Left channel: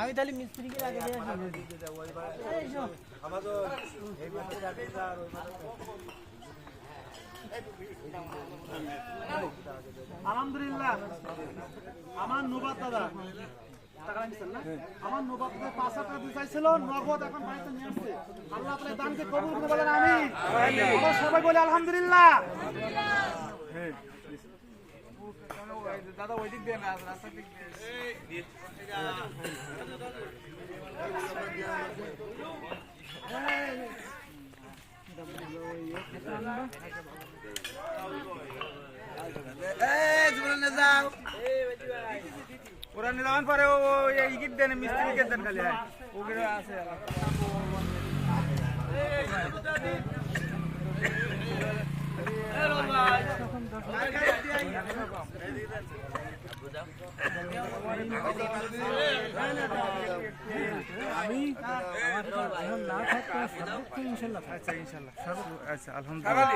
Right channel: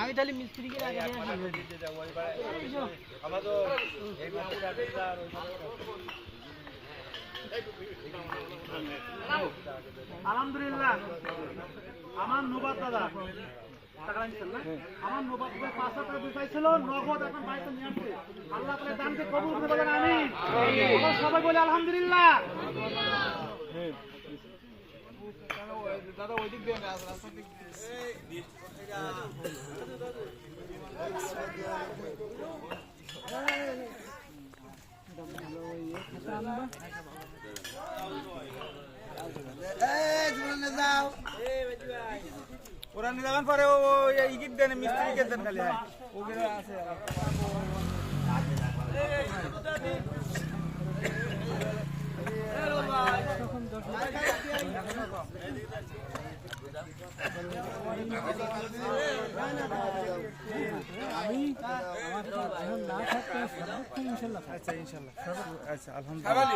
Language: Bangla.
আমি তাহলে মিস্ত্রিকে আগে আলহামদুলিল্লাহ আমার নবাব দাদা আমার নবাব 5 টাকা দিয়ে চাইছিল নগদ এখন বাড়িতে নিয়ে আসছে আল্লাহ তাআলা দানকে কবুল করে বলেন আমিন আমরা সবাই বলি আলহামদুলিল্লাহ দাদা ওই দিক দিয়ে রাস্তা দিক দিয়ে ওরা নিলাম পরে ও ইগিট দেন মিস্ত্রিকে দেন খালি ওগুলো আছে আমি না থাকতে ইনশাল্লাহ আচ্ছা ইনশাল্লাহ আচ্ছা আলহামদুলিল্লাহ